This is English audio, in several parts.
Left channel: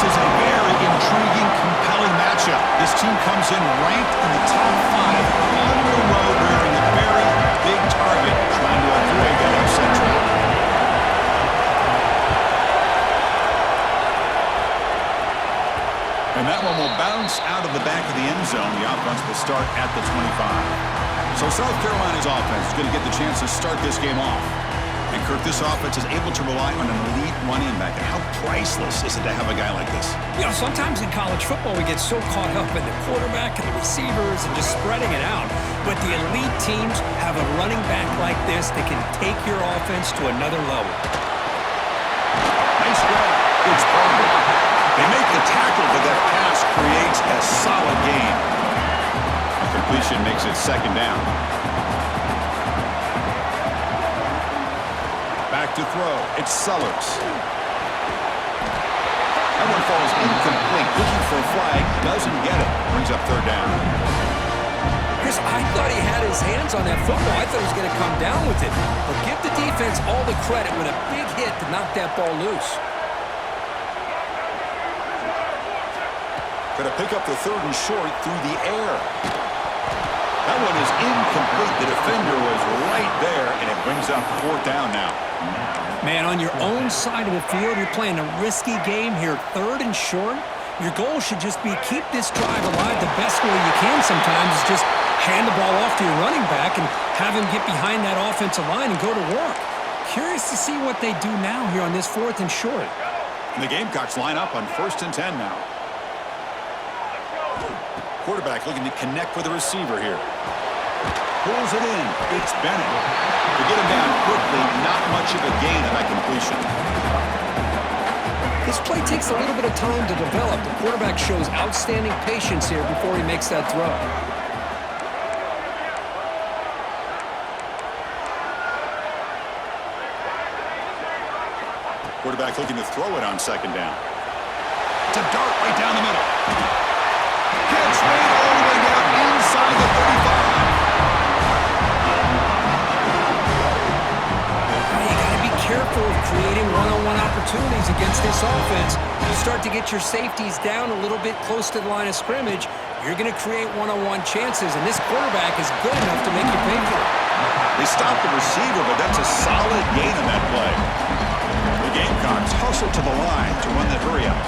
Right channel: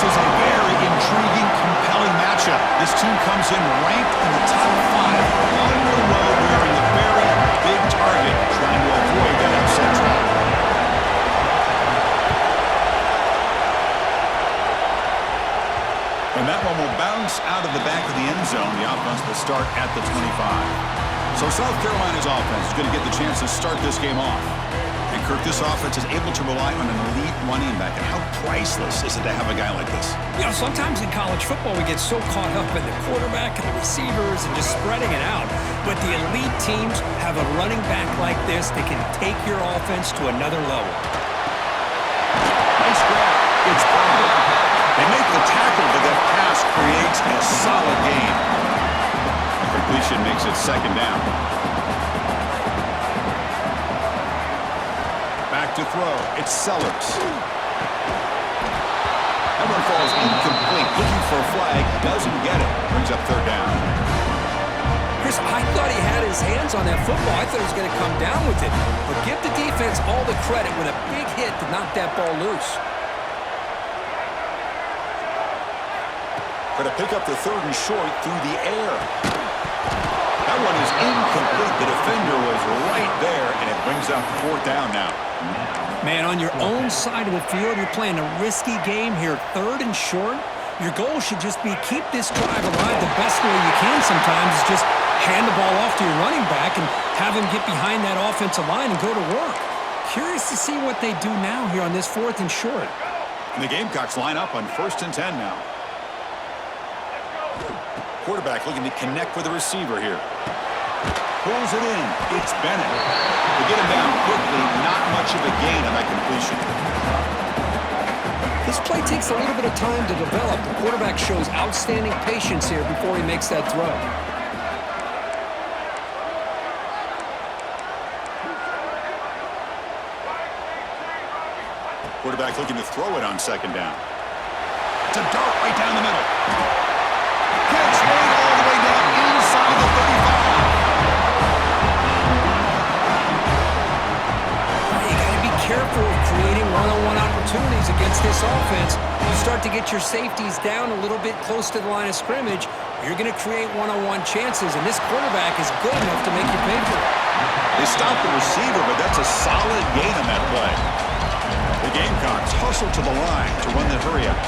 This is a very intriguing, compelling matchup. This team comes in ranked in the top 5 on the road wearing a very big target, trying to avoid that upset trap. And that one will bounce out of the back of the end zone. The offense will start at the 25. So South Carolina's offense is going to get the chance to start this game off. And Kirk, this offense is able to rely on an elite running back. And how priceless is it to have a guy like this? You know, sometimes in college football we get so caught up in the quarterback and the receivers and just spreading it out. But the elite teams have a running back like this that can take your offense to another level. Nice grab. It's perfect. They make the tackle, but that pass creates a solid gain. A completion makes it second down. Back to throw. It's Sellers. That one falls incomplete. Looking for a flag. Doesn't get it. Brings up third down. Chris, I thought he had his hands on that football. I thought he was going to come down with it. But give the defense all the credit with a big hit to knock that ball loose. Going to pick up the third and short through the air. That one is incomplete. The defender was right there, and it brings up fourth down now. Man, on your own side of the field, you're playing a risky game here. Third and short. Your goal should just be keep this drive alive the best way you can sometimes is just hand the ball off to your running back and have him get behind that offensive line and go to work. Curious to see what they do now here on this fourth and short. And the Gamecocks line up on 1st and 10 now. Quarterback looking to connect with the receiver here. Pulls it in. It's Bennett. To get him down quickly, not much of a gain on that completion. This play takes a little bit of time to develop. The quarterback shows outstanding patience here before he makes that throw. Quarterback looking to throw it on second down. It's a dart right down the middle. Catch made all the way down inside the 35. You got to be careful of creating one-on-one opportunities against this offense. You start to get your safeties down a little bit close to the line of scrimmage, you're going to create one-on-one chances, and this quarterback is good enough to make you pay for it. They stop the receiver, but that's a solid gain on that play. The Gamecocks hustle to the line to run the hurry-up.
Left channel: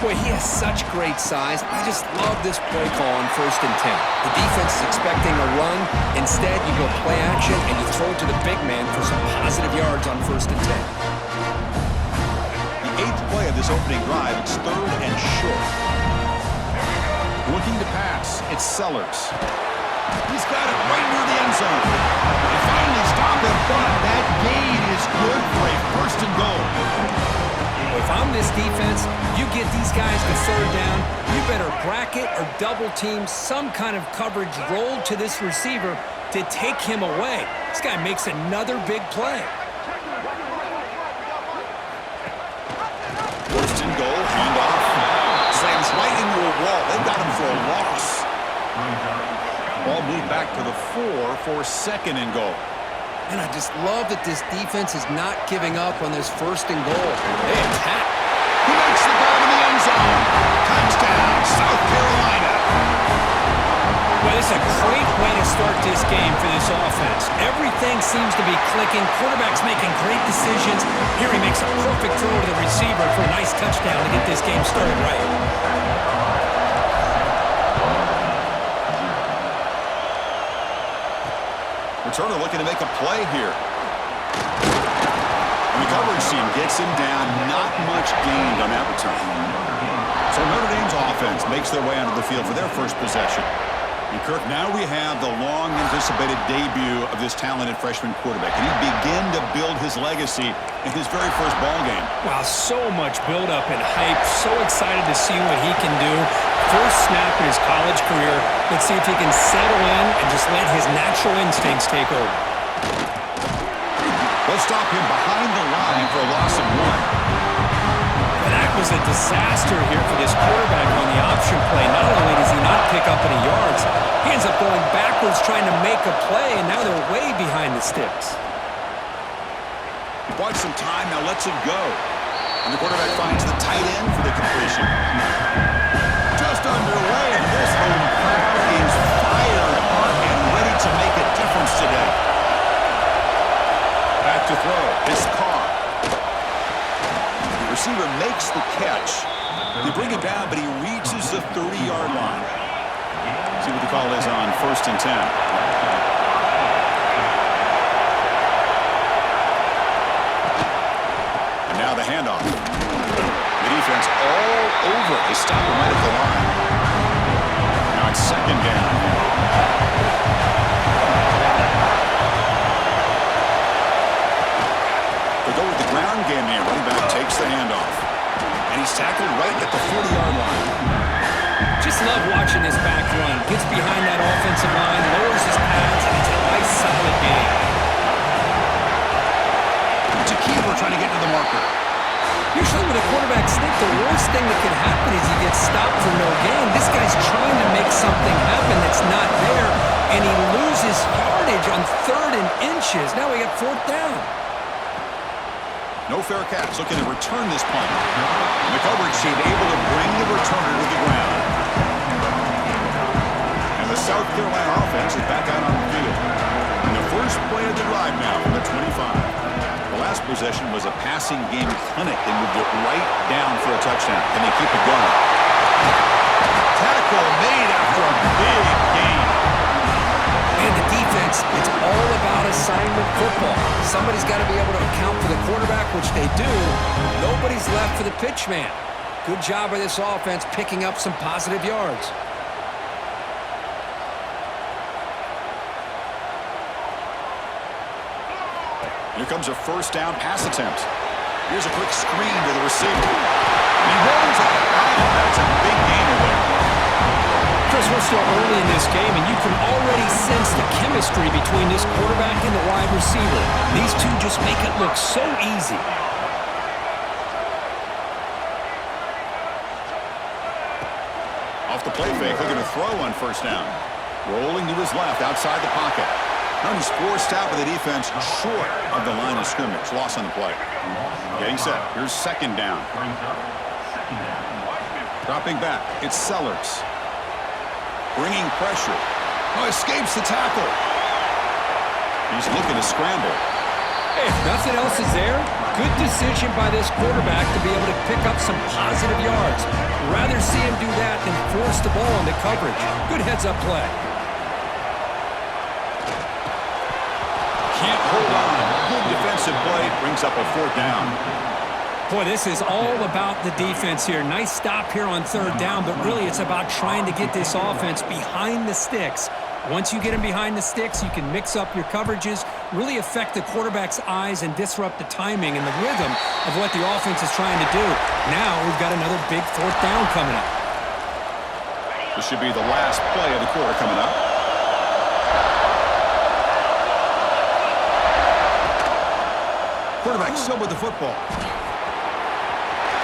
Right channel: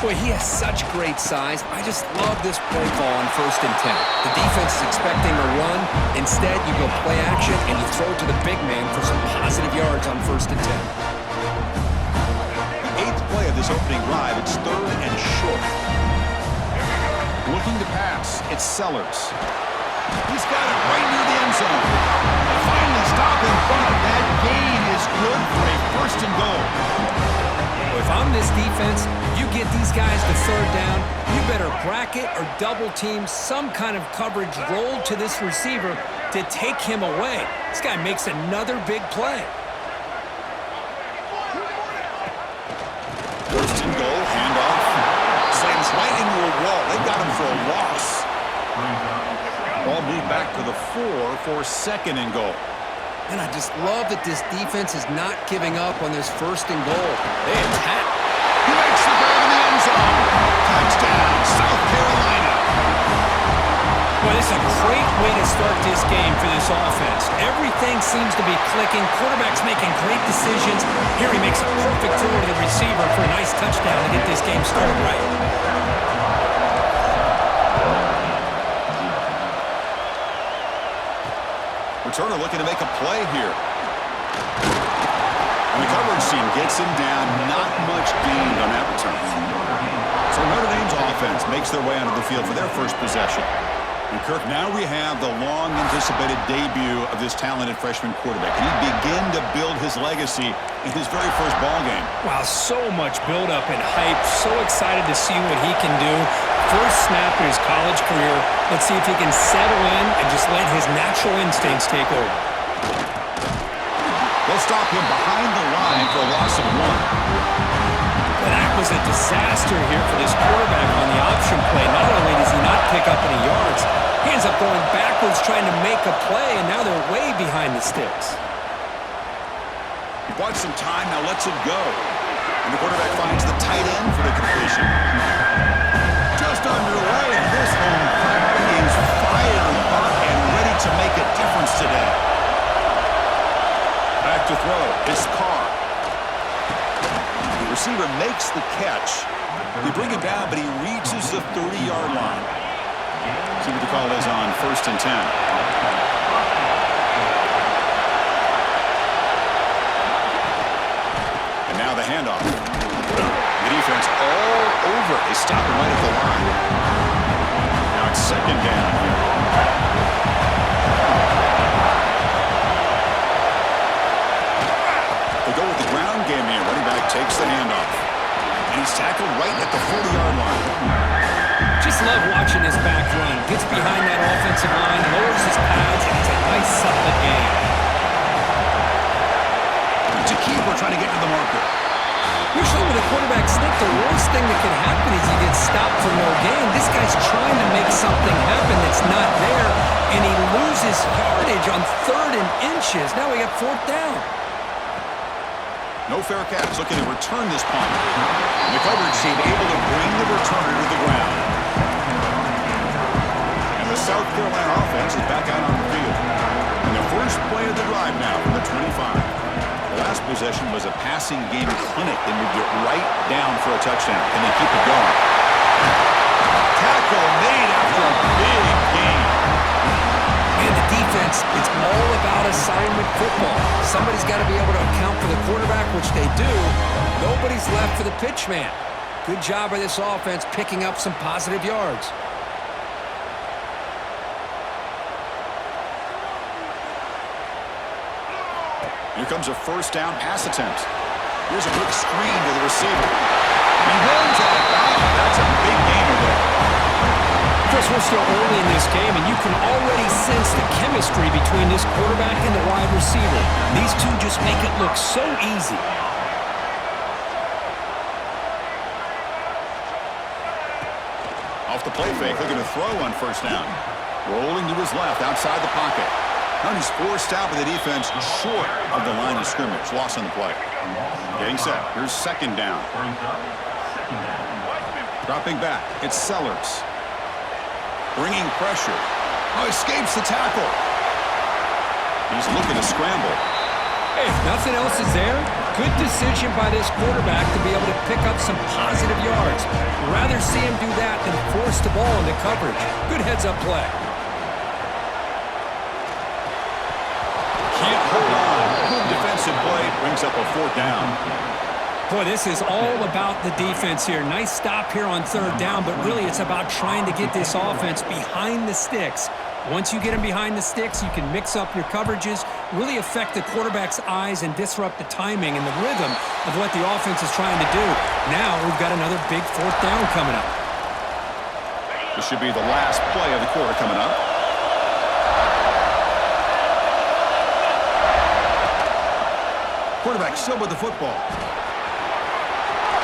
Boy, he has such great size. I just love this play call on 1st and 10. The defense is expecting a run. Instead, you go play action, and you throw it to the big man for some positive yards on 1st and 10. The 8th play of this opening drive, it's 3rd and short. Looking to pass, it's Sellers. He's got it right near the end zone. They finally stop him, but that gain is good for a 1st and goal. If I'm this defense, you get these guys to third down, you better bracket or double team some kind of coverage rolled to this receiver to take him away. This guy makes another big play. 1st and goal, handoff. Slams right into a wall. They've got him for a loss. Ball moved back to the 4 for 2nd and goal. And I just love that this defense is not giving up on this 1st and goal. They attack. He makes the grab in the end zone. Touchdown, South Carolina. Well, this is a great way to start this game for this offense. Everything seems to be clicking. Quarterback's making great decisions. Here he makes a perfect throw to the receiver for a nice touchdown to get this game started right. Returner looking to make a play here. And the coverage team gets him down. Not much gained on that return. So Notre Dame's offense makes their way onto the field for their first possession. And Kirk, now we have the long-anticipated debut of this talented freshman quarterback. Can he begin to build his legacy in his very first ball game? Wow, so much build-up and hype. So excited to see what he can do. First snap in his college career. Let's see if he can settle in and just let his natural instincts take over. They'll stop him behind the line for a loss of 1. That was a disaster here for this quarterback on the option play. Not only does he not pick up any yards, he ends up going backwards trying to make a play, and now they're way behind the sticks. He bought some time, now lets it go. And And the quarterback finds the tight end for the completion. Just underway, and this home crowd is fired up and ready to make a difference today. Back to throw. It's Carr. The receiver makes the catch. They bring it down, but he reaches the 30-yard line. See what the call is on 1st and 10. And now the handoff. The defense all over it. They stop him right at the line. Now it's 2nd down here. They go with the ground game here. Running back takes the handoff. And he's tackled right at the 40-yard line. Just love watching this back run. Gets behind that offensive line, lowers his pads, and it's a nice, solid game. It's a keeper trying to get to the marker. Usually with a quarterback sneak, the worst thing that could happen is you get stopped for no gain. This guy's trying to make something happen that's not there, and he loses yardage on 3rd and inches. Now we got 4th down. No fair catch. Looking to return this punt. And the coverage team able to bring the returner to the ground. And the South Carolina offense is back out on the field. And the first play of the drive now from the 25. The last possession was a passing game clinic. They moved it right down for a touchdown. Can they keep it going? Tackle made after a big gain. And the defense, it's all about assignment football. Somebody's got to be able to account for the quarterback, which they do. Nobody's left for the pitch man. Good job by this offense picking up some positive yards. Here comes a 1st down pass attempt. Here's a quick screen to the receiver. He runs out of bounds. That's a big gainer there. Chris, we're still early in this game, and you can already sense the chemistry between this quarterback and the wide receiver. These two just make it look so easy. Off the play fake, looking to throw on 1st down. Rolling to his left, outside the pocket. Now he's forced out by the defense short of the line of scrimmage. Loss on the play. Getting set. Here's 2nd down. Dropping back. It's Sellers. Bringing pressure. Oh, escapes the tackle. He's looking to scramble. Hey, if nothing else is there, good decision by this quarterback to be able to pick up some positive yards. Rather see him do that than force the ball into coverage. Good heads-up play. Can't hold on. Good defensive play. Brings up a 4th down. Boy, this is all about the defense here. Nice stop here on 3rd down, but really it's about trying to get this offense behind the sticks. Once you get them behind the sticks, you can mix up your coverages, really affect the quarterback's eyes and disrupt the timing and the rhythm of what the offense is trying to do. Now we've got another big 4th down coming up. This should be the last play of the quarter coming up. Quarterback still with the football.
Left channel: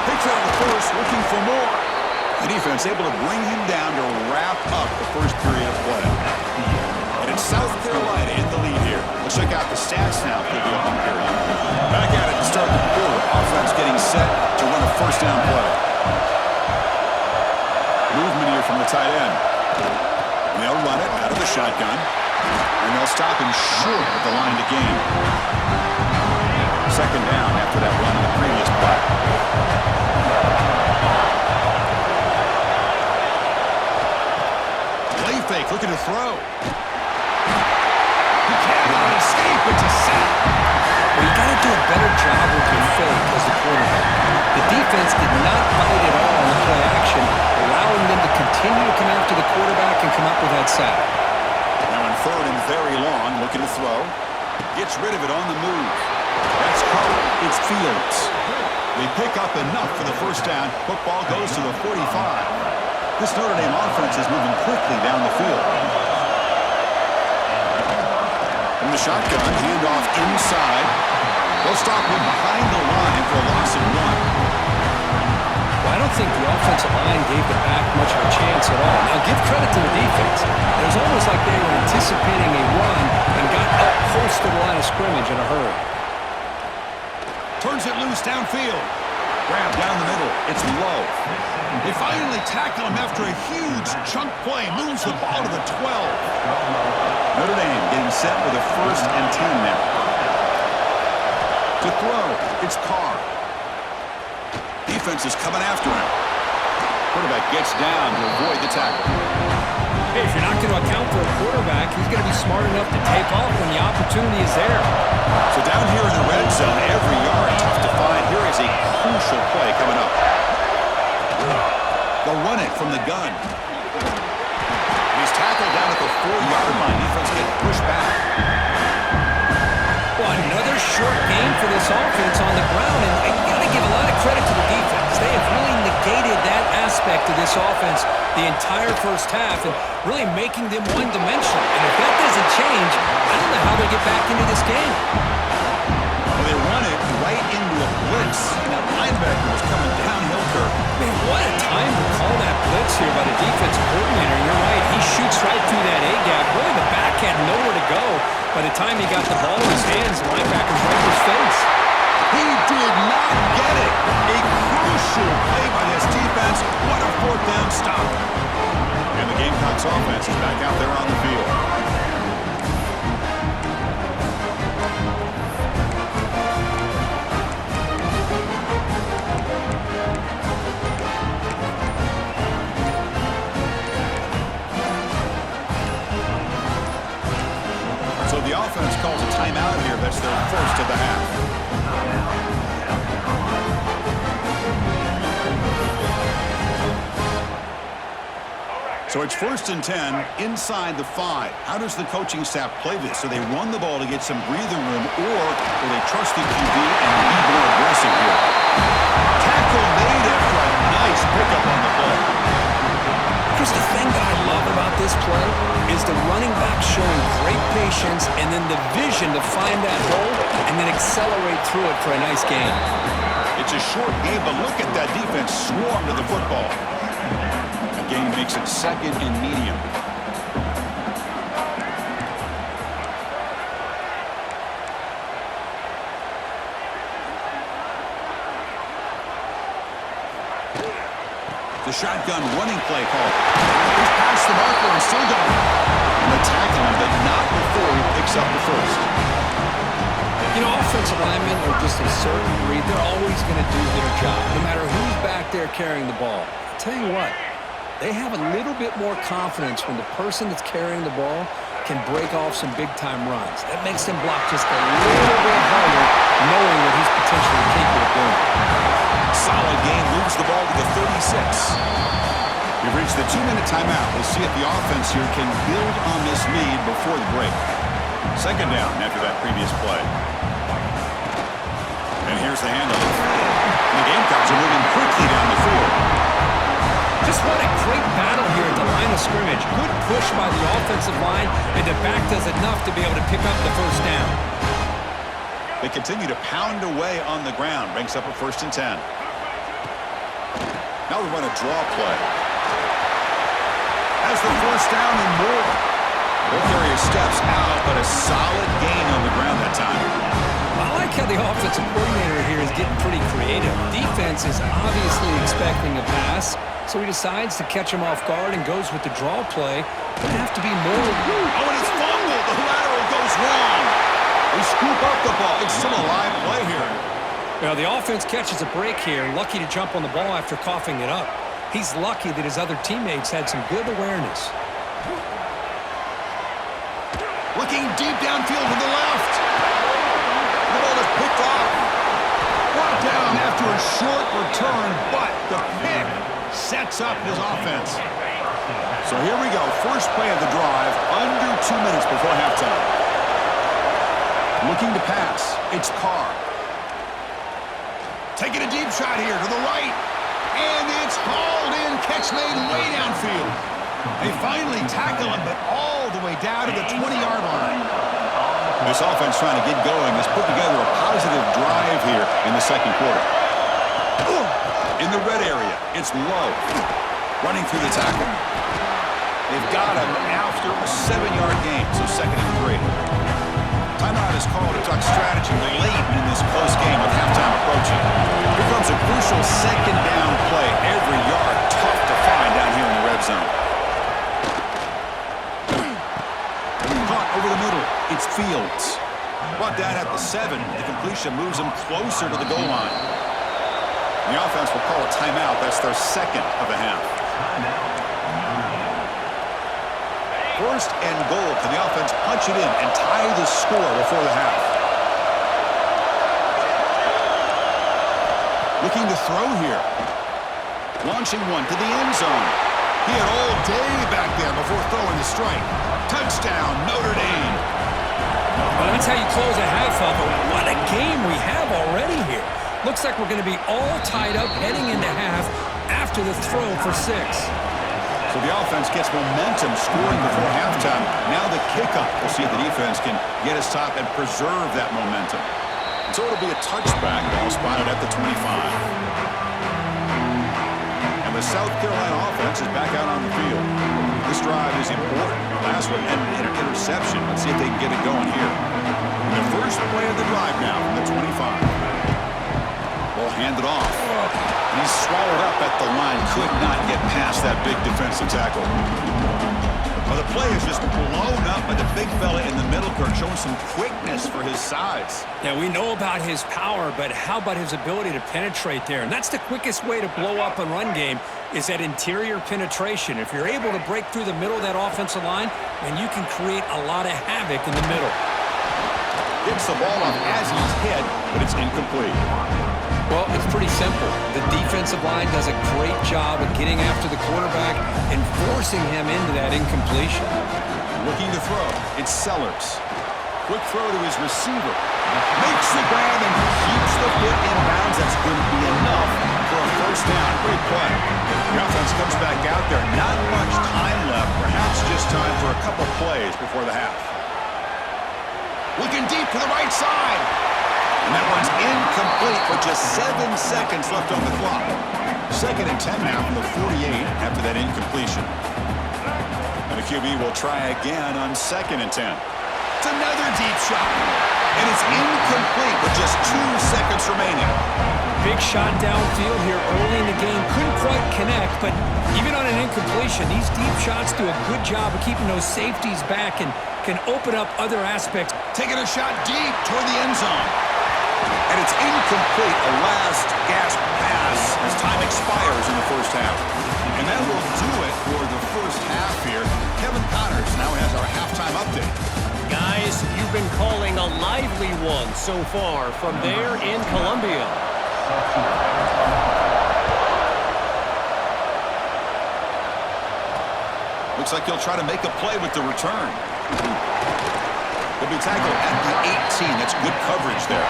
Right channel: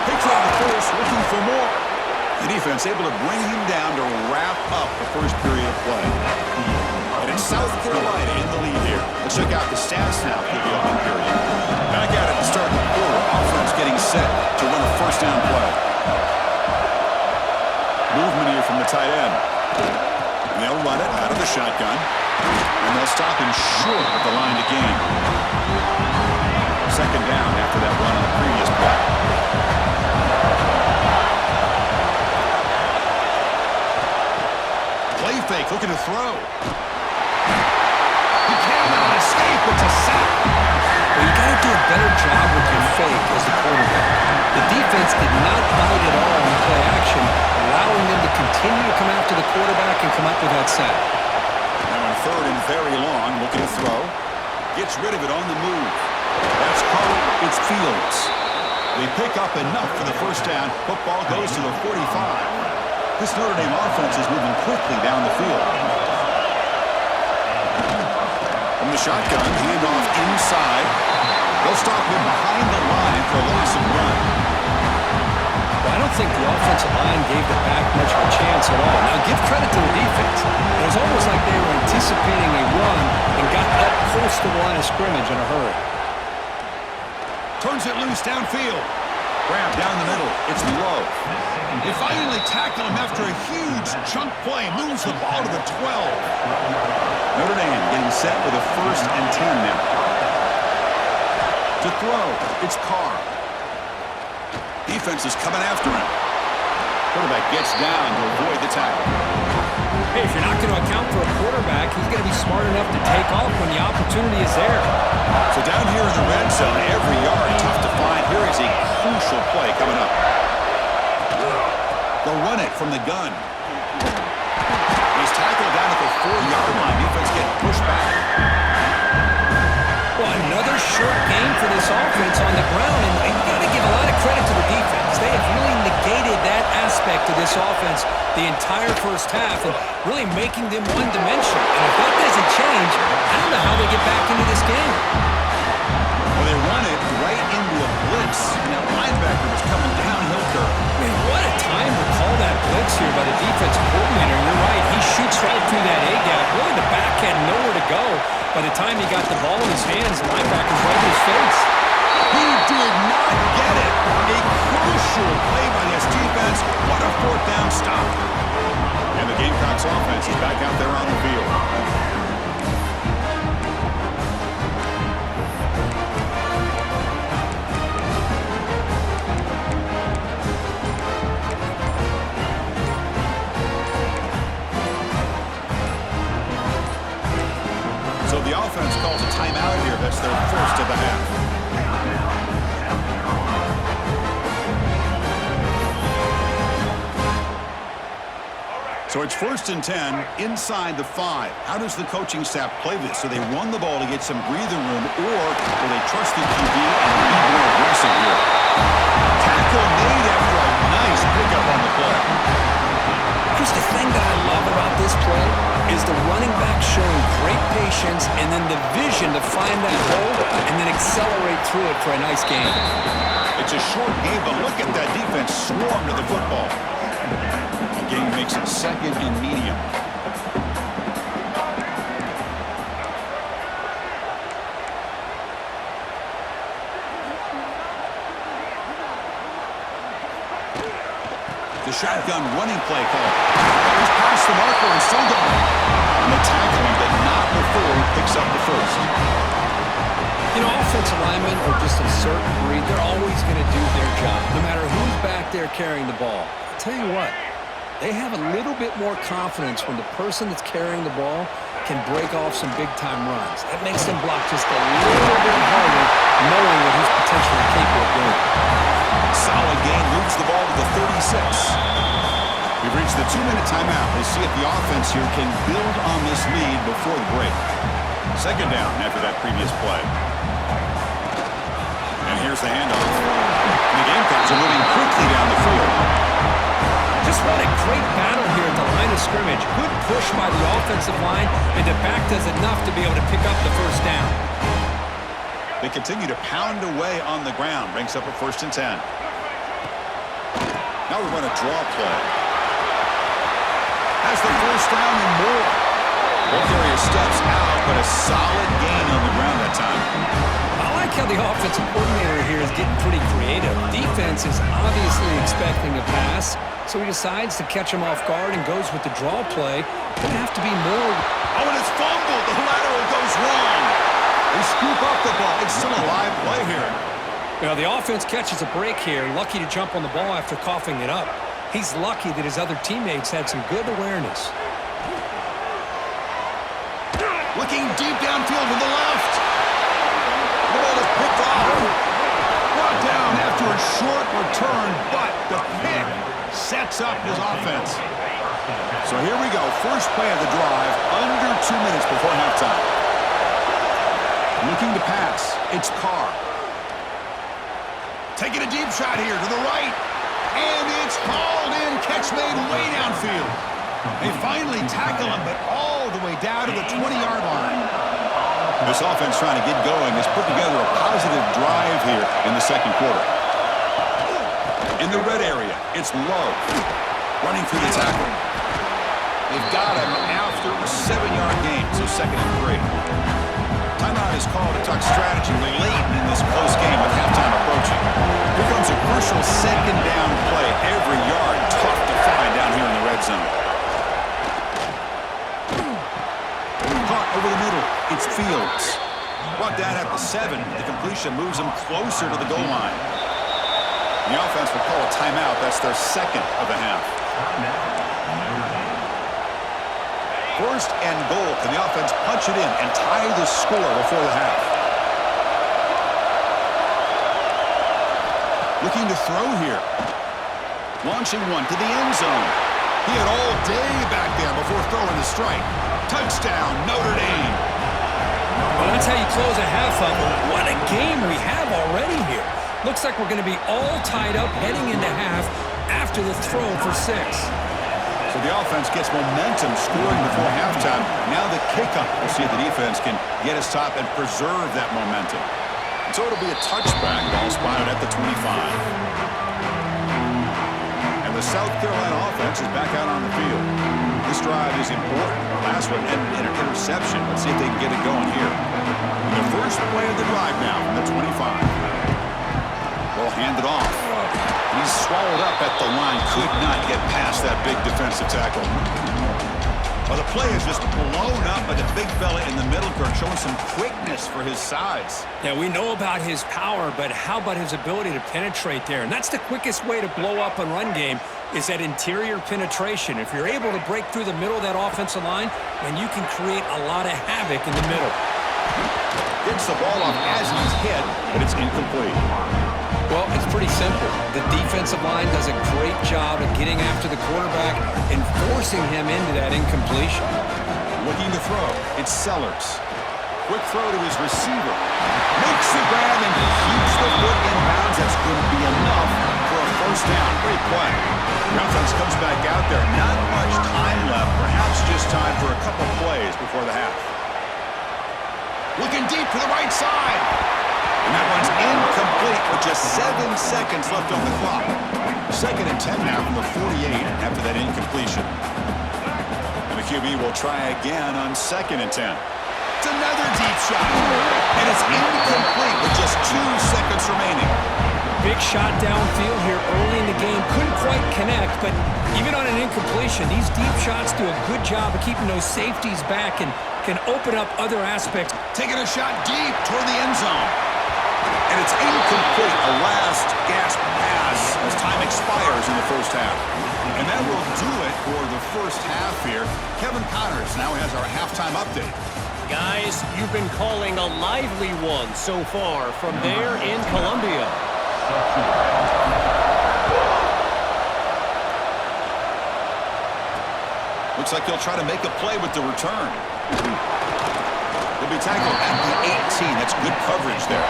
Takes out the force, looking for more. The defense able to bring him down to wrap up the first period of play. And it's South Carolina in the lead here. Let's check out the stats now for the opening period. Back at it to start the quarter. Offense getting set to run a 1st down play. Movement here from the tight end. And they'll run it out of the shotgun. And they'll stop him short at the line to gain. 2nd down after that run on the previous play. Play fake, looking to throw. He cannot escape. It's a sack. Well, you got to do a better job with your fake as the quarterback. The defense did not bite at all in the play action, allowing them to continue to come after the quarterback and come up with that sack. Now in 3rd and very long, looking to throw. Gets rid of it on the move. That's Carter. It's Fields. They pick up enough for the 1st down. Football goes to the 45. This Notre Dame offense is moving quickly down the field. From the shotgun, handoff inside. They'll stop him behind the line for a loss of 1. Well, I don't think the offensive line gave the back much of a chance at all. Now, give credit to the defense. It was almost like they were anticipating a run and got up close to the line of scrimmage in a hurry. Turns it loose downfield. Grab down the middle. It's low. They finally tackle him after a huge chunk play. Moves the ball to the 12. Notre Dame getting set with a 1st and 10 now. To throw, it's Carr. Defense is coming after him. Quarterback gets down to avoid the tackle. Hey, if you're not going to account for a quarterback, he's going to be smart enough to take off when the opportunity is there. So down here in the red zone, every yard tough to find. Here is a crucial play coming up. They'll run it from the gun. He's tackled down at the 4-yard line. Defense getting pushed back. Well, another short game for this offense on the ground, and you got to give a lot of credit to the defense. They have really negated that aspect of this offense the entire first half and really making them one-dimensional. And if that doesn't change, I don't know how they get back into this game. Well, they run it right into a blitz, and that linebacker was coming downhill, Kirk. Man, what a time to call that blitz here by the defensive coordinator. You're right, he shoots right through that A-gap. Really, the back had nowhere to go. By the time he got the ball in his hands, the linebacker's right in his face. He did not get it. A crucial play by this defense. What a 4th down stop. And the Gamecocks offense is back out there on the field. So the offense calls a timeout here. That's their 1st of the half. So it's 1st and 10 inside the 5. How does the coaching staff play this? So they run the ball to get some breathing room, or will they trust the QB and be more aggressive here? Tackle made after a nice pickup on the play. Chris, the thing that I love about this play is the running back showing great patience and then the vision to find that hole and then accelerate through it for a nice gain. It's a short game, but look at that defense swarm to the football. The game makes it 2nd and medium. The shotgun running play call. He's past the marker and still going. And they tackle him, but not before he picks up the 1st. You know, offensive linemen are just a certain breed. They're always going to do their job, no matter who's back there carrying the ball. I'll tell you what, they have a little bit more confidence when the person that's carrying the ball can break off some big-time runs. That makes them block just a little bit harder, knowing what he's potentially capable of doing. Solid gain, moves the ball to the 36. We've reached the 2-minute timeout. We'll see if the offense here can build on this lead before the break. 2nd down after that previous play. And here's the handoff. The Gamecocks are moving quickly down the field. Just what a great battle here at the line of scrimmage. Good push by the offensive line, and the back does enough to be able to pick up the 1st down. They continue to pound away on the ground. Brings up a 1st and 10. Now we run a draw play. Has the 1st down and more. Both areas steps out, but a solid gain on the ground that time. I like how the offensive coordinator here is getting pretty creative. Defense is obviously expecting a pass, so he decides to catch him off guard and goes with the draw play. Gonna have to be more. Oh, and it's fumbled. The lateral goes wrong. They scoop up the ball. It's still a live play here. Well, the offense catches a break here, lucky to jump on the ball after coughing it up. He's lucky that his other teammates had some good awareness. Looking deep downfield to the left. The ball is picked off. Brought down after a short return, but the pick sets up his offense. So here we go. First play of the drive, under 2 minutes before halftime. Looking to pass. It's Carr. Taking a deep shot here to the right. And it's hauled in. Catch made way downfield. They finally tackle him, but all the way down to the 20-yard line. This offense trying to get going has put together a positive drive here in the 2nd quarter. In the red area, it's Lowe. Running through the tackle. They've got him after a 7-yard gain, so 2nd and 3. Timeout is called to talk strategy late in this close game with halftime approaching. Here comes a crucial second down play. Every yard tough to find down here in the red zone. Caught over the middle. It's Fields. Brought down at the 7. The completion moves him closer to the goal line. The offense will call a timeout. That's their second of the half. First and goal. Can the offense punch it in and tie the score before the half? Looking to throw here. Launching one to the end zone. He had all day back there before throwing the strike. Touchdown, Notre Dame. Well, that's how you close a half up. What a game we have already here. Looks like we're going to be all tied up heading into half after the throw for 6. So the offense gets momentum scoring before halftime. Now the kickoff. We'll see if the defense can get a stop and preserve that momentum. And so it'll be a touchback. Ball spotted at the 25. And the South Carolina offense is back out on the field. This drive is important. Last one ended in an interception. Let's see if they can get it going here. And the first play of the drive now from the 25. Ball handed off. And he's swallowed up at the line. Could not get past that big defensive tackle. Well, the play is just blown up by the big fella in the middle, Kirk, showing some quickness for his size. Yeah, we know about his power, but how about his ability to penetrate there? And that's the quickest way to blow up a run game is that interior penetration. If you're able to break through the middle of that offensive line, then you can create a lot of havoc in the middle. Gets the ball off as he's hit, but it's incomplete. Well, it's pretty simple. The defensive line does a great job of getting after the quarterback and forcing him into that incompletion. Looking to throw. It's Sellers. Quick throw to his receiver. Makes the grab and keeps the foot in bounds. That's going to be enough for a first down. Great play. The offense comes back out there. Not much time left. Perhaps just time for a couple plays before the half. Looking deep to the right side. And that one's incomplete with just 7 seconds left on the clock. 2nd and 10 now from the 48 after that incompletion. And the QB will try again on 2nd and 10. It's another deep shot. And it's incomplete with just 2 seconds remaining. Big shot downfield here early in the game. Couldn't quite connect, but even on an incompletion, these deep shots do a good job of keeping those safeties back and can open up other aspects. Taking a shot deep toward the end zone. And it's incomplete, a last gasp pass as time expires in the first half. And that will do it for the first half here. Kevin Connors now has our halftime update. Guys, you've been calling a lively one so far from there in Columbia. Looks like he'll try to make a play with the return. He'll be tackled at the 18. That's good coverage there.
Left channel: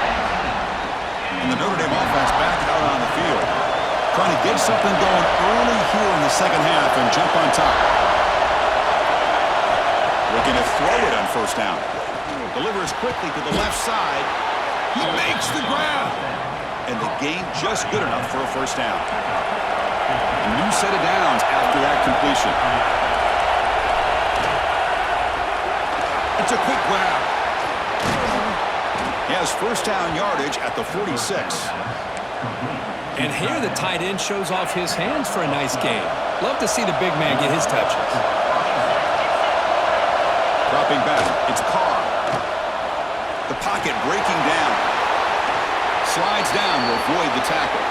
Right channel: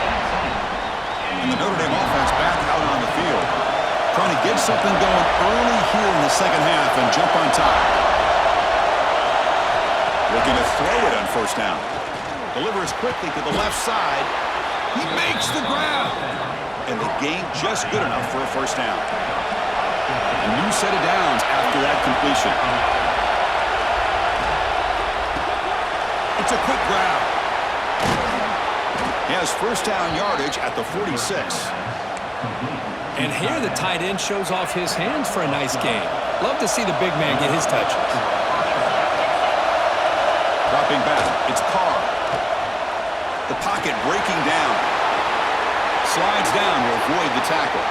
And the Notre Dame offense back out on the field. Trying to get something going early here in the second half and jump on top. Looking to throw it on first down. Delivers quickly to the left side. He makes the grab. And the gain just good enough for a first down. A new set of downs after that completion. It's a quick grab. He has first down yardage at the 46. And here the tight end shows off his hands for a nice game. Love to see the big man get his touches. Dropping back, it's Carr. The pocket breaking down. Slides down to avoid the tackle.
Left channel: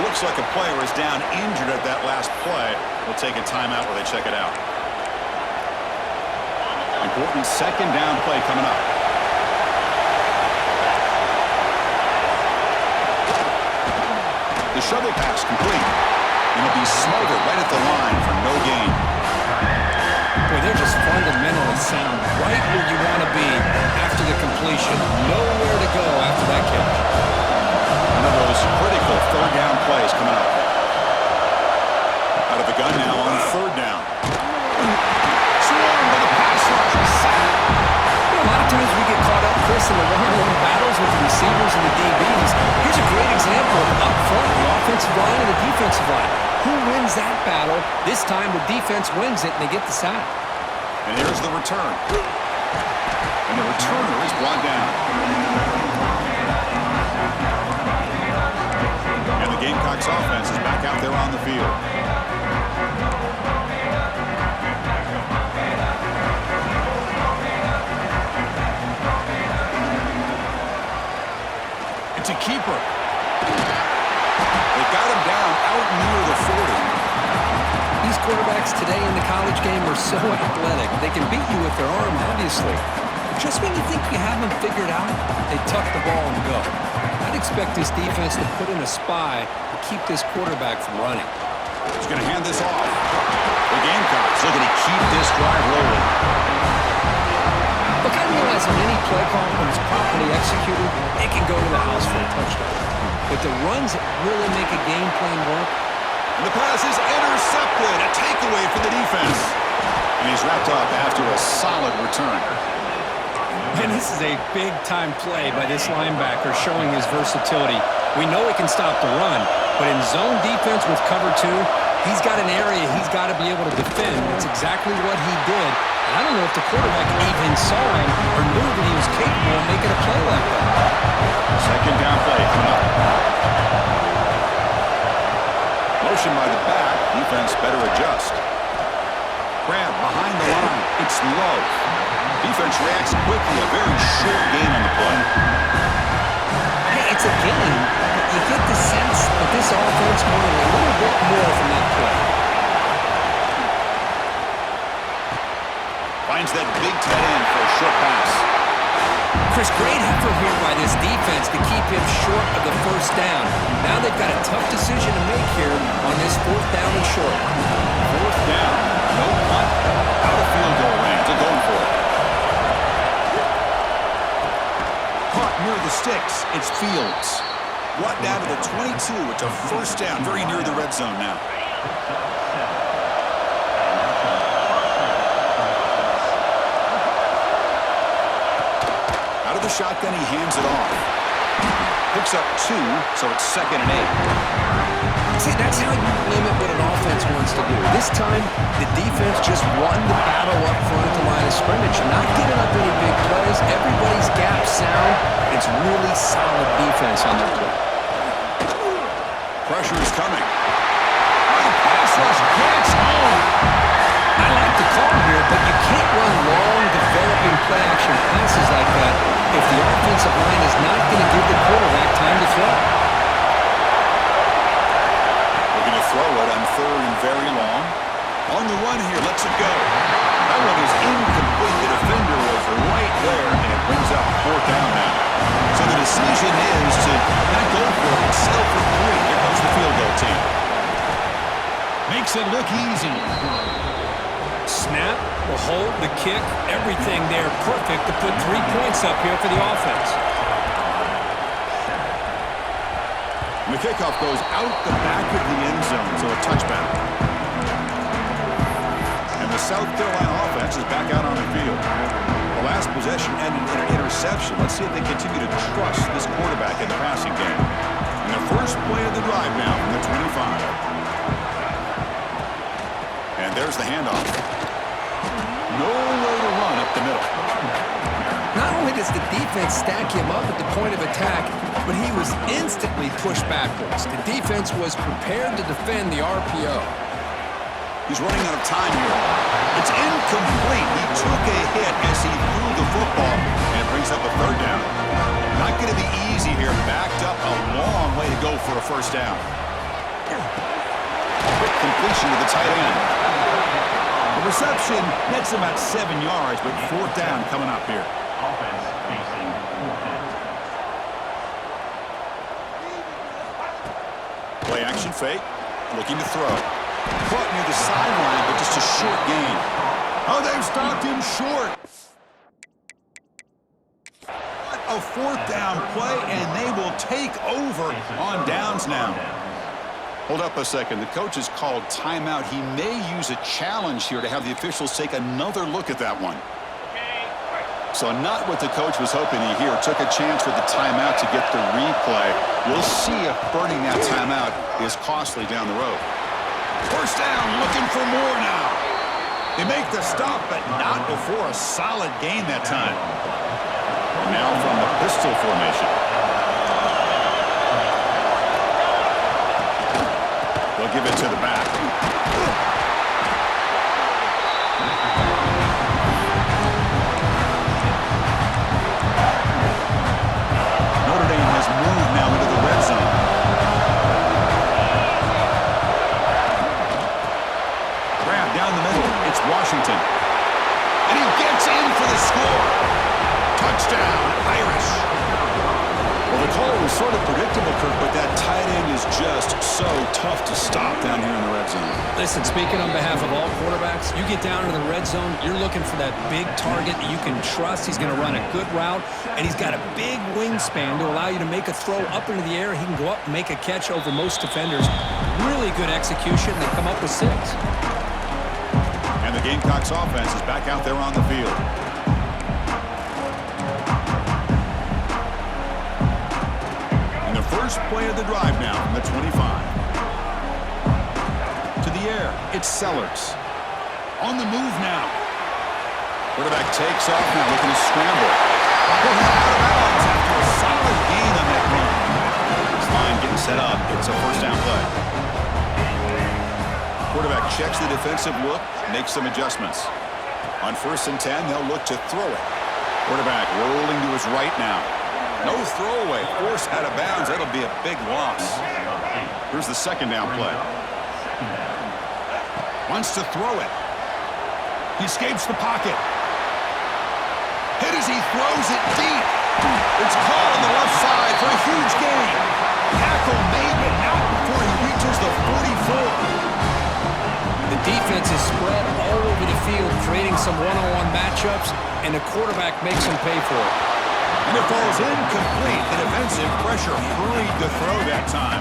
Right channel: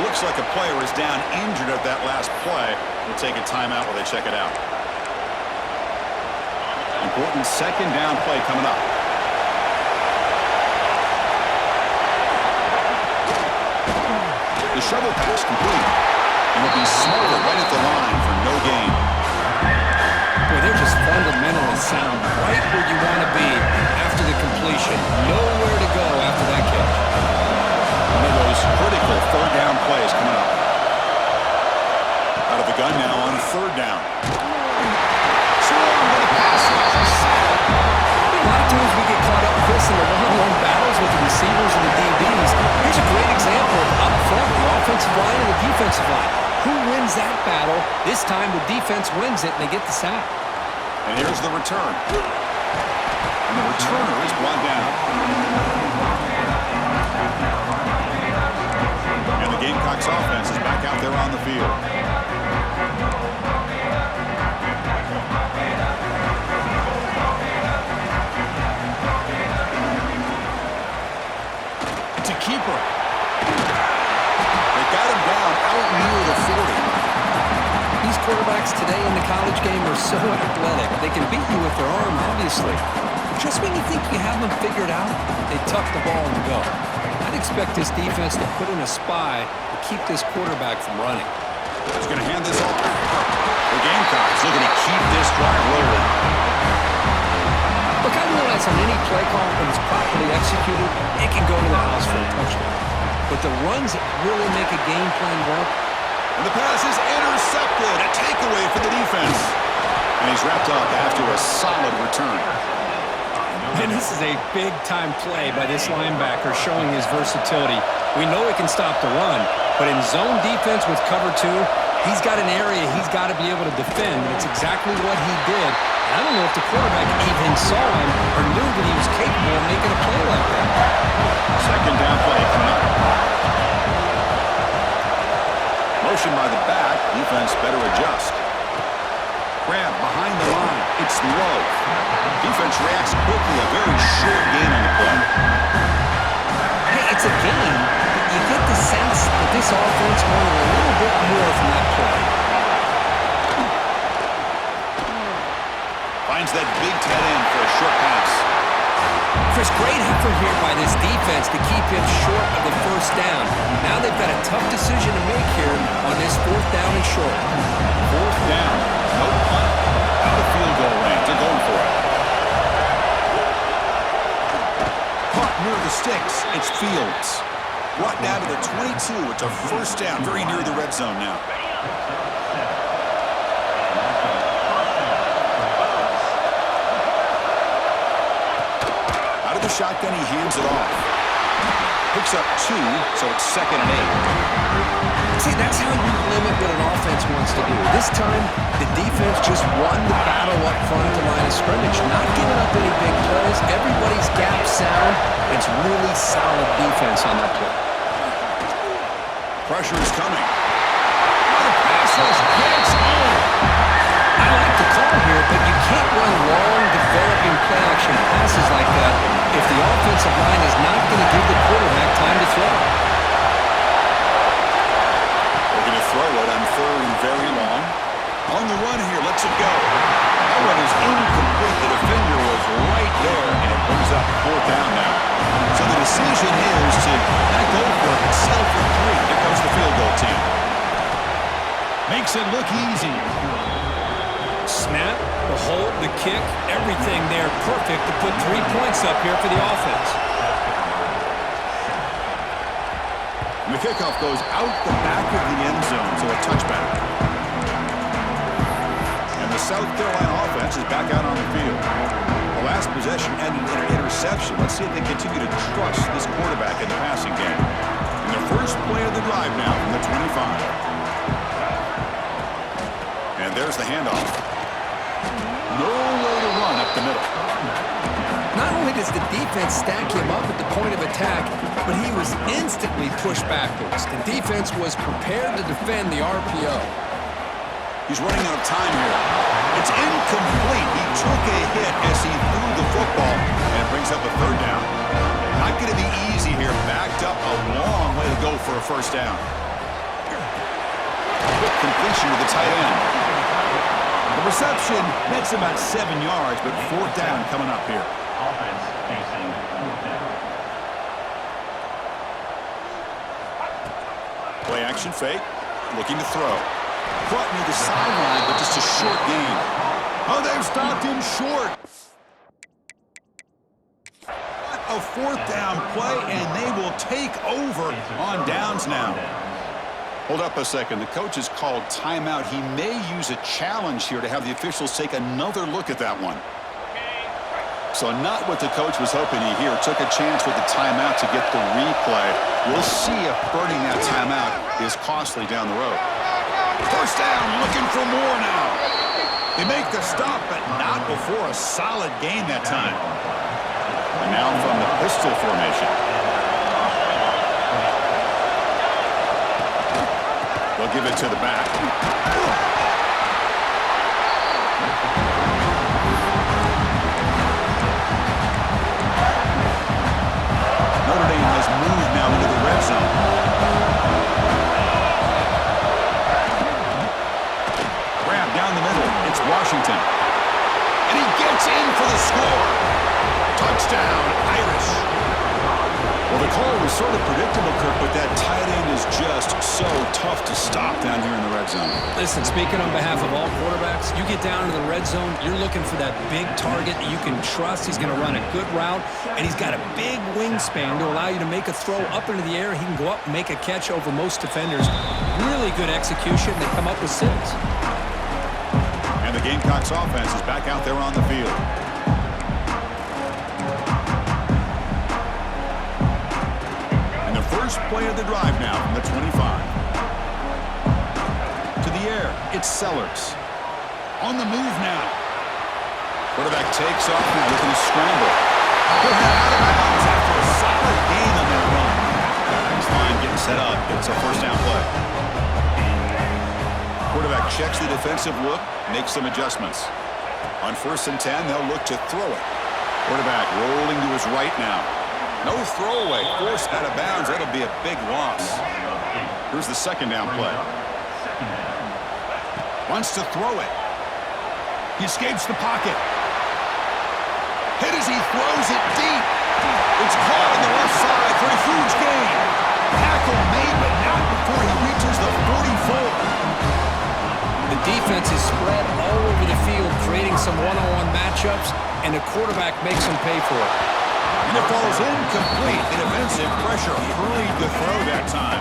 Looks like a player is down injured at that last play. We'll take a timeout while they check it out. Important second down play coming up. The shovel pass complete. And it'll be Smoger right at the line for no gain. Boy, they're just fundamentally sound right where you want to be after the completion. Nowhere to go after that catch. One of those critical third down plays coming up. Out of the gun now on third down. Swarmed by the pass rush. A lot of times we get caught up, Chris, in the one-on-one battles with the receivers and the DBs. Here's a great example of up front, the offensive line and the defensive line. Who wins that battle? This time the defense wins it and they get the sack. And here's the return. And the returner is brought down. And the Gamecocks offense is back out there on the field. It's a keeper. They got him down out near the 40. These quarterbacks today in the college game are so athletic. They can beat you with their arm, obviously. But just when you think you have them figured out, they tuck the ball and go. I'd expect this defense to put in a spy to keep this quarterback from running. He's going to hand this off. The Gamecocks looking to keep this drive rolling. Look, I realize on any play call, when it's properly executed, it can go to the house for a touchdown. But the runs that really make a game plan work. And the pass is intercepted. A takeaway for the defense. And he's wrapped up after a solid return. And this is a big-time play by this linebacker showing his versatility. We know he can stop the run, but in zone defense with cover 2, he's got an area he's got to be able to defend. It's exactly what he did. And I don't know if the quarterback even saw him or knew that he was capable of making a play like that. Second down play coming up. Motion by the back. Defense better adjust. Grab behind the line. It's low. Defense reacts quickly. A very short gain on the play. Hey, it's a game, but you get the sense that this offense wanted a little bit more from that play. Finds that big tight end for a short pass. Chris, great effort here by this defense to keep him short of the first down. Now they've got a tough decision to make here on this 4th down and short. 4th down. No punt. Out of field goal range. They're going for it. Caught near the sticks. It's Fields. Brought down to the 22. It's a 1st down. Very near the red zone now. Out of the shotgun, he hands it off. Picks up 2, so it's 2nd and 8. See, that's how you limit what an offense wants to do. This time, the defense just won the battle up front at the line of scrimmage, not giving up any big plays. Everybody's gap sound. It's really solid defense on that play. Pressure is coming. Oh, the pass rush gets home. I like the call here, but you can't run long, developing play-action passes like that if the offensive line is not going to give the quarterback time to throw. Looking to throw it on 3rd and very long. On the run here, lets it go. That one is incomplete. The defender was right there, and it brings up 4th down now. So the decision is to not go for it, but settle for 3. Here comes the field goal team. Makes it look easy. Snap, the hold, the kick, everything there perfect to put 3 points up here for the offense. And the kickoff goes out the back of the end zone, so a touchback. And the South Carolina offense is back out on the field. The last possession ended in an interception. Let's see if they continue to trust this quarterback in the passing game. And their first play of the drive now from the 25. And there's the handoff. No way to run up the middle. Not only does the defense stack him up at the point of attack, but he was instantly pushed backwards. The defense was prepared to defend the RPO. He's running out of time here. It's incomplete. He took a hit as he threw the football, and it brings up a 3rd down. Not going to be easy here. Backed up a long way to go for a 1st down. Quick completion to the tight end. The reception nets about 7 yards, but 4th down coming up here. Offense facing 4th down. Play action fake. Looking to throw. Caught near the sideline, but just a short gain. Oh, they've stopped him short. What a 4th down play, and they will take over on downs now. Hold up a second. The coach has called timeout. He may use a challenge here to have the officials take another look at that one. So not what the coach was hoping to hear. Took a chance with the timeout to get the replay. We'll see if burning that timeout is costly down the road. 1st down, looking for more now. They make the stop, but not before a solid gain that time. And now from the pistol formation. They'll give it to the back. Notre Dame has moved now into the red zone. Grab down the middle. It's Washington. And he gets in for the score. Touchdown, Irish. Well, the call was sort of predictable, Kirk, but that tight end is just so tough to stop down here in the red zone. Listen, speaking on behalf of all quarterbacks, you get down to the red zone, you're looking for that big target that you can trust. He's going to run a good route, and he's got a big wingspan to allow you to make a throw up into the air. He can go up and make a catch over most defenders. Really good execution. They come up with 6. And the Gamecocks offense is back out there on the field. And the first play of the drive now from the 25. To the air, it's Sellers. On the move now. Quarterback takes off now looking to scramble. He'll head out of bounds after a solid gain on that run. This line getting set up. It's a first down play. Quarterback checks the defensive look, makes some adjustments. On 1st and 10, they'll look to throw it. Quarterback rolling to his right now. No throwaway, forced out of bounds. That'll be a big loss. Here's the second down play. Wants to throw it. He escapes the pocket. Hit as he throws it deep. It's caught on the left side for a huge gain. Tackle made, but not before he reaches the 44. The defense is spread all over the field, creating some one-on-one matchups, and the quarterback makes them pay for it. And it falls incomplete. The defensive pressure hurried the throw that time.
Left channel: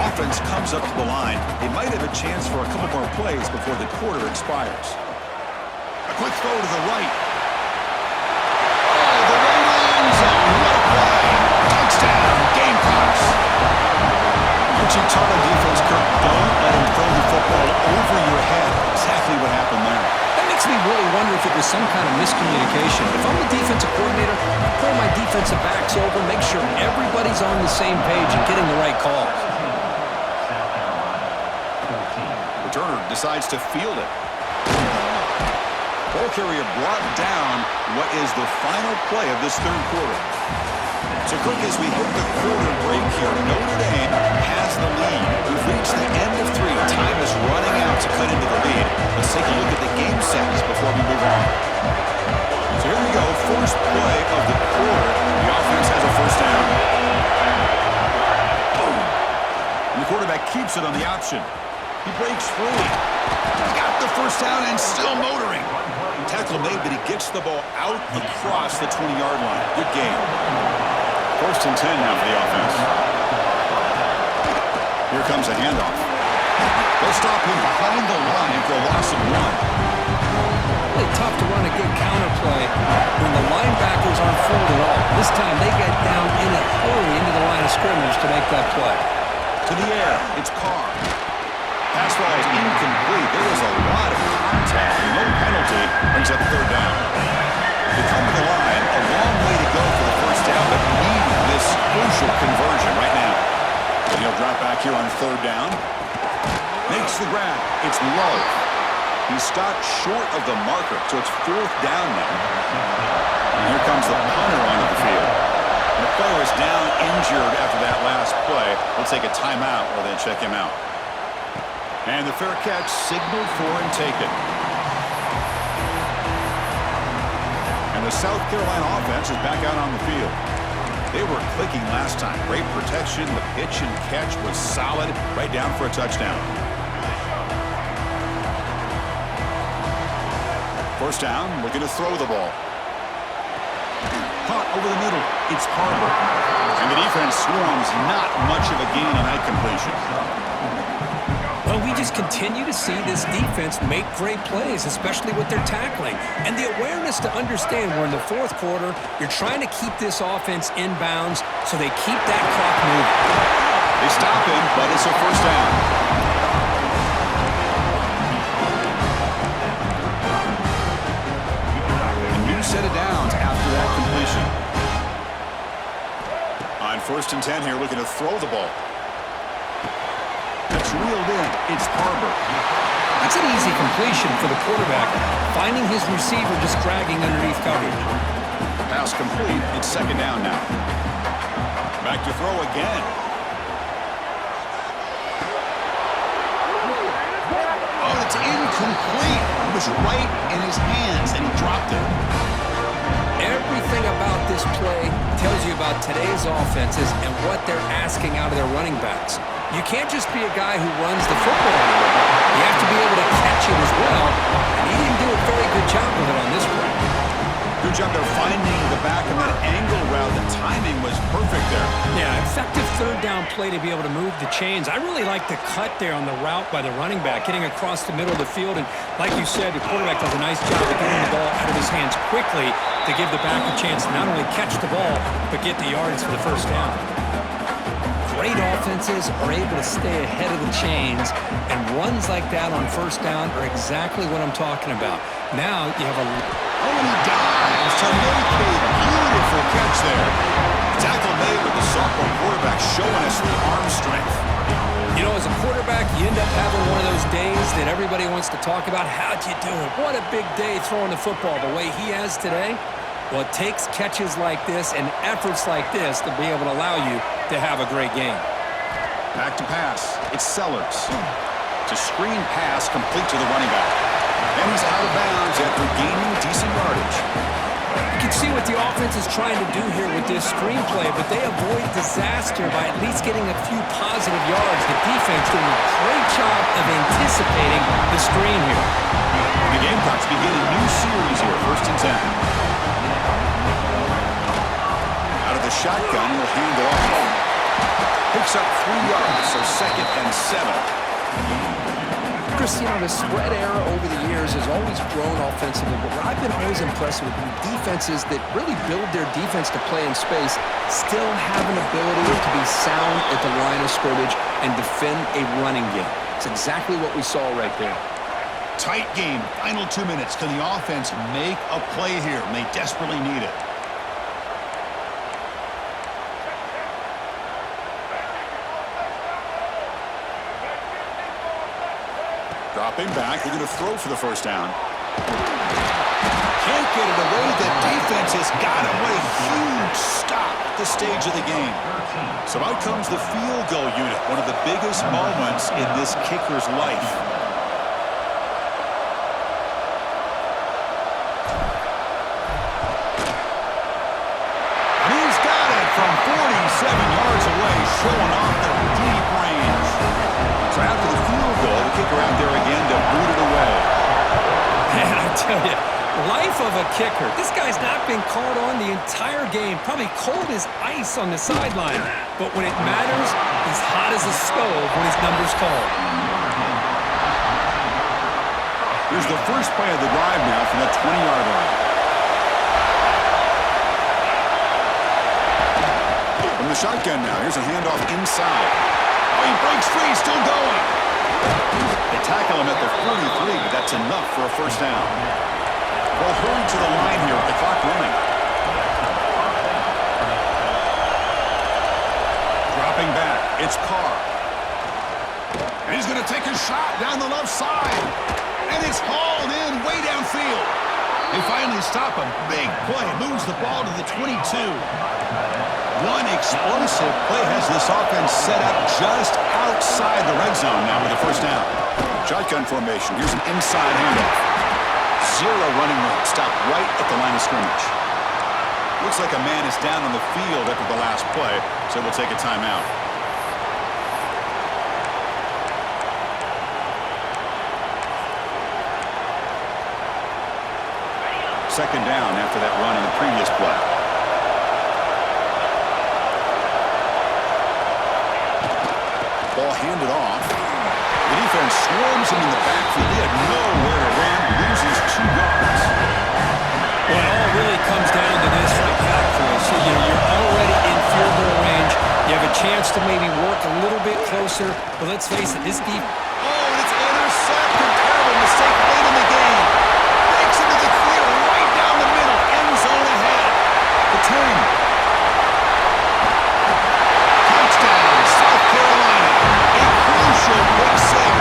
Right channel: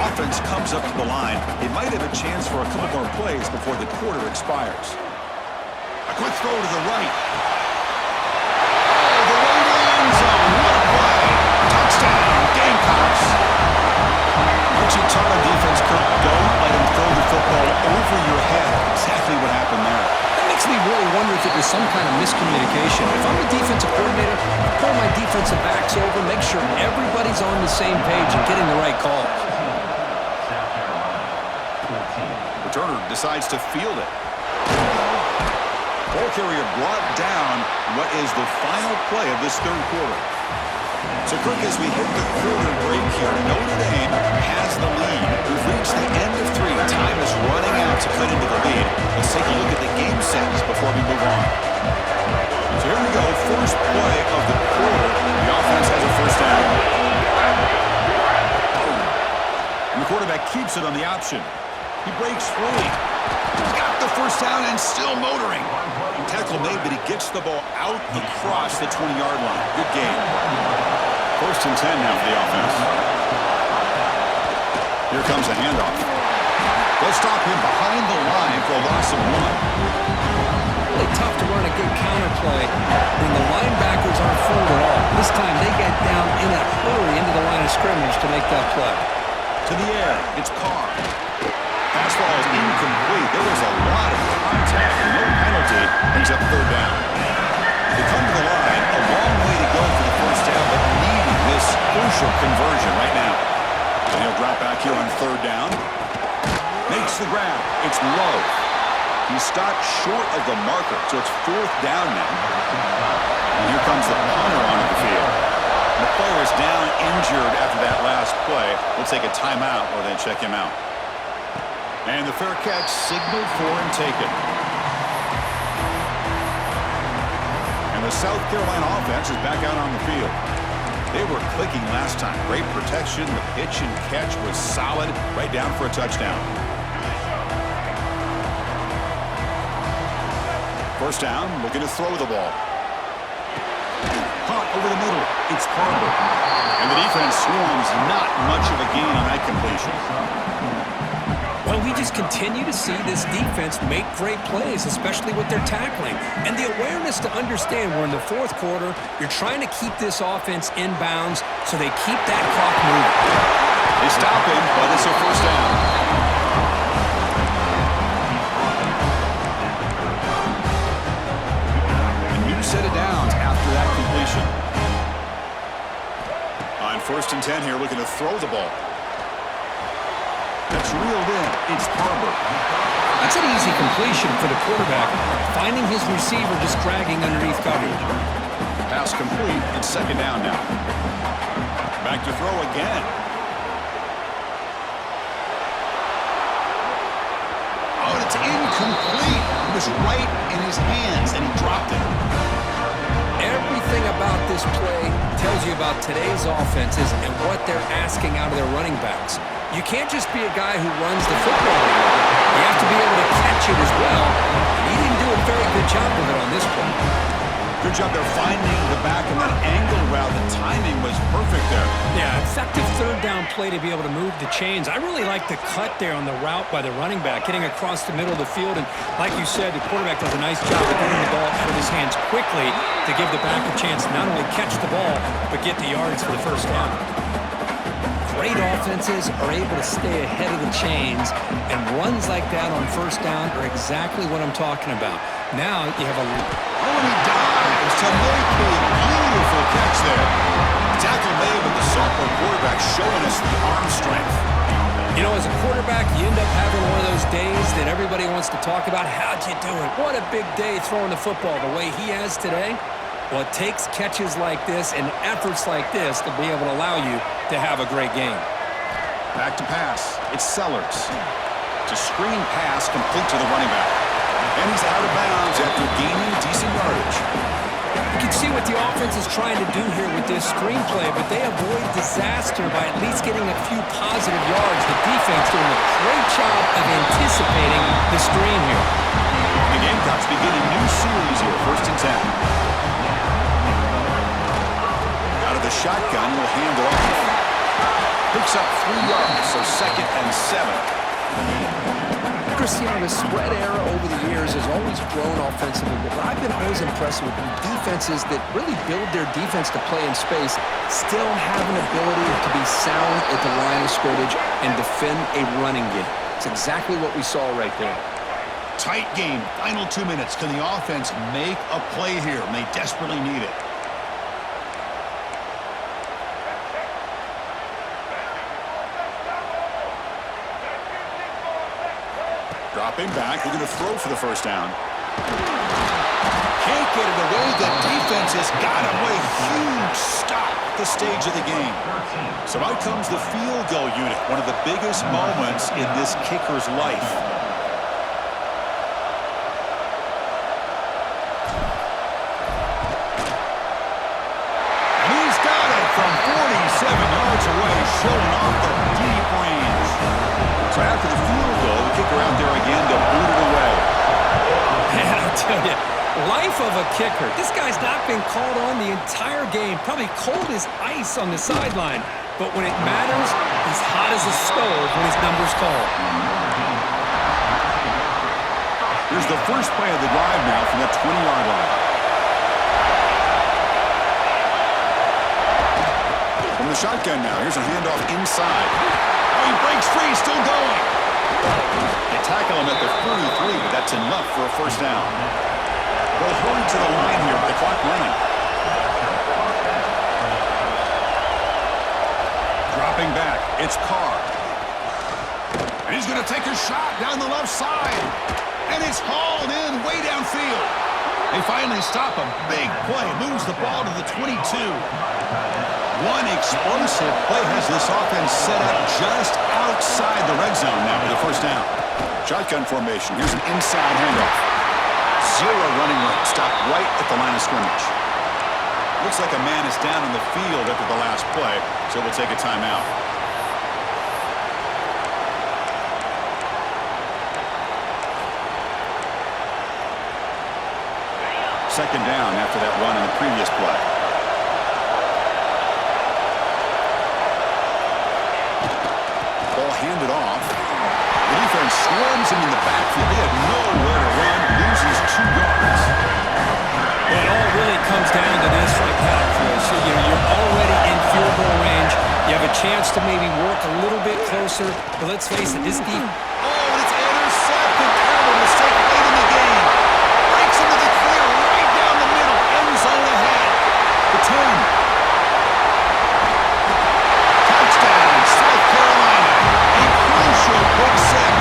Offense comes up to the line. They might have a chance for a couple more plays before the quarter expires. A quick throw to the right. Oh, the way to the end zone. What a play. Touchdown, Gamecocks. Archie taught on defense, Kirk, don't let him throw the football over your head. Exactly what happened there. That makes me really wonder if it was some kind of miscommunication. If I'm the defensive coordinator, I pull my defensive backs over, make sure everybody's on the same page and getting the right calls. Returner decides to field it. Ball carrier brought down what is the final play of this third quarter. So, Kirk, as we hit the quarter break here, Notre Dame has the lead. We've reached the end of 3. Time is running out to cut into the lead. Let's take a look at the game sentence before we move on. So here we go. First play of the quarter. The offense has a first down. And the quarterback keeps it on the option. He breaks free. He's got the first down and still motoring. Tackle made, but he gets the ball out across the 20-yard line. Good game. 1st and 10 now for the offense. Here comes a handoff. They'll stop him behind the line for a loss of 1. Really tough to run a good counter play when the linebackers aren't fooled at all. This time they get down in a hurry into the line of scrimmage to make that play. To the air, it's Carr. Pass ball is incomplete. There was a lot of contact, and no penalty brings up third down. They come to the line, a long way to go for the first down, but needing this crucial conversion right now. And he'll drop back here on third down. Makes the grab. It's low. He stopped short of the marker, so it's 4th down now. And here comes the punter onto the field. And the player is down injured after that last play. We'll take a timeout or then check him out. And the fair catch signaled for and taken. And the South Carolina offense is back out on the field. They were clicking last time. Great protection. The pitch and catch was solid. Right down for a touchdown. First down, looking to throw the ball. Caught over the middle. It's Harbor. And the defense swarms. Not much of a gain on that completion. Well, we just continue to see this defense make great plays, especially with their tackling. And the awareness to understand we're in the 4th quarter, you're trying to keep this offense in bounds so they keep that clock moving. They stop him, but it's a first down. after that completion. On 1st and 10 here, looking to throw the ball. That's reeled in. It's Harbor. That's an easy completion for the quarterback, finding his receiver just dragging underneath coverage. Pass complete. It's 2nd down now. Back to throw again. Oh, it's incomplete. It was right in his hands, and he dropped it. Everything about this play tells you about today's offenses and what they're asking out of their running backs. You can't just be a guy who runs the football anymore. You have to be able to catch it as well, and he didn't do a very good job of it on this play. Good job there finding the back of that angle route. The timing was perfect there. Yeah, effective 3rd down play to be able to move the chains. I really like the cut there on the route by the running back, getting across the middle of the field. And like you said, the quarterback does a nice job of getting the ball out of his hands quickly to give the back a chance to not only catch the ball, but get the yards for the 1st down. Great offenses are able to stay ahead of the chains, and runs like that on 1st down are exactly what I'm talking about. Now you have a... Oh, and he dives to make a beautiful catch there. Tackle made with the sophomore quarterback showing us the arm strength. You know, as a quarterback, you end up having one of those days that everybody wants to talk about. How'd you do it? What a big day throwing the football the way he has today. Well, it takes catches like this and efforts like this to be able to allow you to have a great game. Back to pass. It's Sellers. It's a screen pass complete to the running back. And he's out of bounds after gaining decent yardage. You can see what the offense is trying to do here with this screenplay, but they avoid disaster by at least getting a few positive yards. The defense doing a great job of anticipating the screen here. The Gamecocks begin a new series here, 1st and 10. Out of the shotgun, he'll hand it off. Picks up 3 yards, so 2nd and 7. Chris, you know, the spread era over the years has always grown offensively, but what I've been always impressed with defenses that really build their defense to play in space still have an ability to be sound at the line of scrimmage and defend a running game. It's exactly what we saw right there. Tight game, final 2 minutes. Can the offense make a play here? And they desperately need it. Dropping back, we're going to throw for the 1st down. Can't get it away. The defense has got him. What a huge stop at this stage of the game. So out comes the field goal unit, one of the biggest moments in this kicker's life. And he's got it from 47 yards away, showing off the deep range. So after the field goal, the kicker out there again to boot it away. Man, I tell you, life of a kicker. This guy's not been called on the entire game. Probably cold as ice on the sideline. But when it matters, he's hot as a stove when his number's called. Here's the first play of the drive now from that 20-yard line. From the shotgun now, here's a handoff inside. Oh, he breaks free, still going. They tackle him at the 43, but that's enough for a 1st down. They'll hurry to the line here with the clock running. Dropping back, it's Carr. And he's going to take a shot down the left side. And it's hauled in way downfield. They finally stop him. Big play, moves the ball to the 22. One explosive play has this offense set up just outside the red zone now with a 1st down. Shotgun formation. Here's an inside handoff. 0 running room. Stopped right at the line of scrimmage. Looks like a man is down on the field after the last play, so we'll take a timeout. Second down after that run on the previous play. Ball handed off. The defense swarms him in the backfield. They had nowhere to run. Loses 2 yards. Well, it all really comes down to this right now, Chris. You know, you're already in field goal range. You have a chance to maybe work a little bit closer. But let's face it, this defense... Oh, and it's intercepted. Terrible mistake late in the game. Breaks into the clear right down the middle. End zone ahead. 10. Touchdown, South Carolina. A crucial pick six.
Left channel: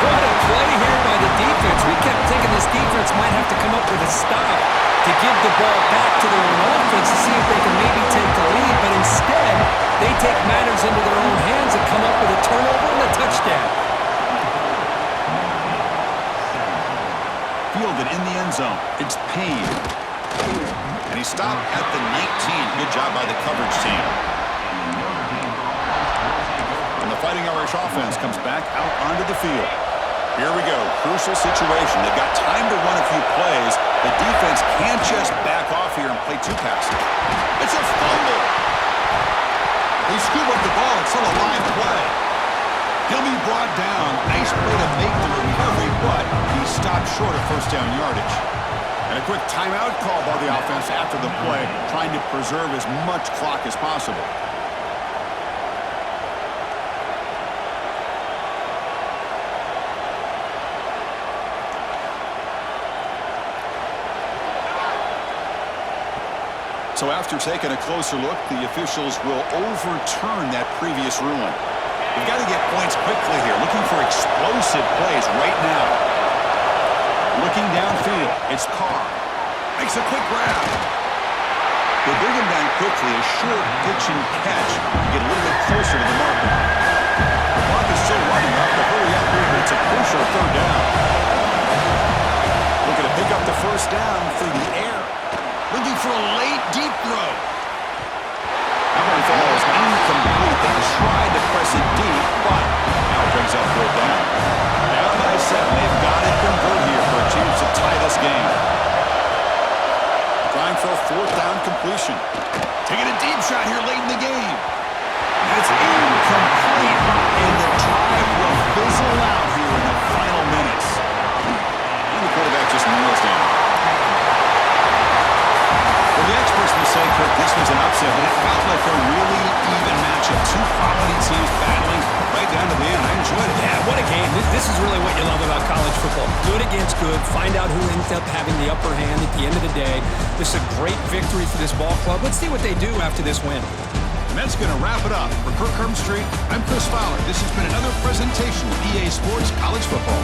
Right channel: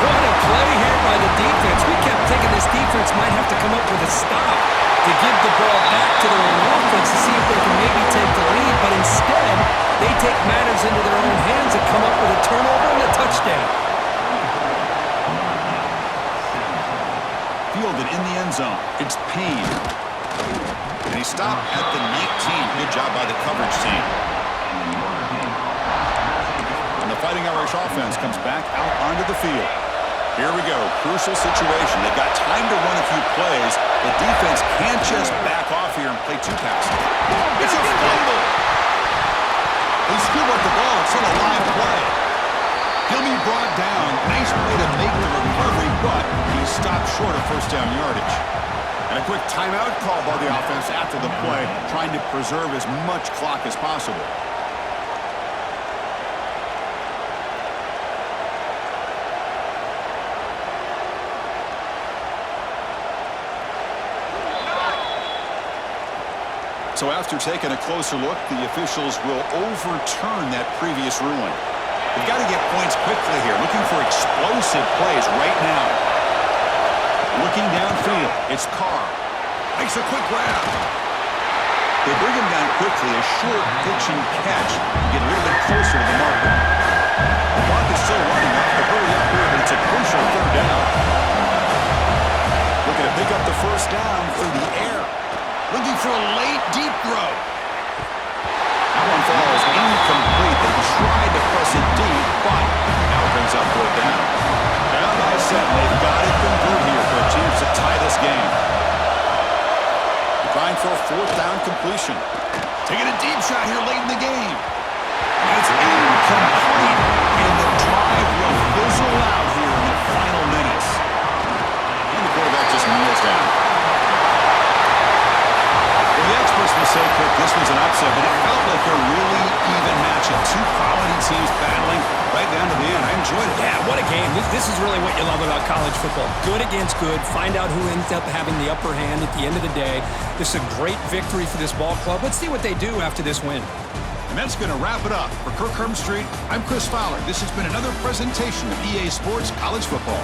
What a play here by the defense. We kept thinking this defense might have to come up with a stop to give the ball back to their own offense to see if they can maybe take the lead, but instead, they take matters into their own hands and come up with a turnover and a touchdown. Fielded in the end zone. It's Payne. And he stopped at the 19. Good job by the coverage team. And the Fighting Irish offense comes back out onto the field. Here we go. Crucial situation. They've got time to run a few plays. The defense can't just back off here and play two passes. It's a fumble. They scoop up the ball. It's still a live play. He'll be brought down. Nice play to make the recovery, but he stopped short of first down yardage. And a quick timeout call by the offense after the play, trying to preserve as much clock as possible. So after taking a closer look, the officials will overturn that previous ruling. They've got to get points quickly here, looking for explosive plays right now. Looking downfield, it's Carr. Makes a quick grab. They bring him down quickly, a short pitch and catch to get a little bit closer to the marker. The clock is still running. Off to hurry up here, but it's a crucial third down. Looking to pick up the first down through the air. Looking for a late, deep throw. That one falls incomplete. They tried to press it deep, but now it brings up third down. Down by 7. They've got to convert here for a chance to tie this game. Trying for a fourth down completion. Taking a deep shot here late in the game. And it's incomplete, and the drive will fizzle out here in the final minutes. And the quarterback just kneels down. Well, the experts will say, Kirk, this was an upset, but it felt like a really even matchup. Two quality teams battling right down to the end. I enjoyed it. Yeah, what a game. This is really what you love about college football. Good against good. Find out who ends up having the upper hand at the end of the day. This is a great victory for this ball club. Let's see what they do after this win. And that's going to wrap it up. For Kirk Herbstreit, I'm Chris Fowler. This has been another presentation of EA Sports College Football.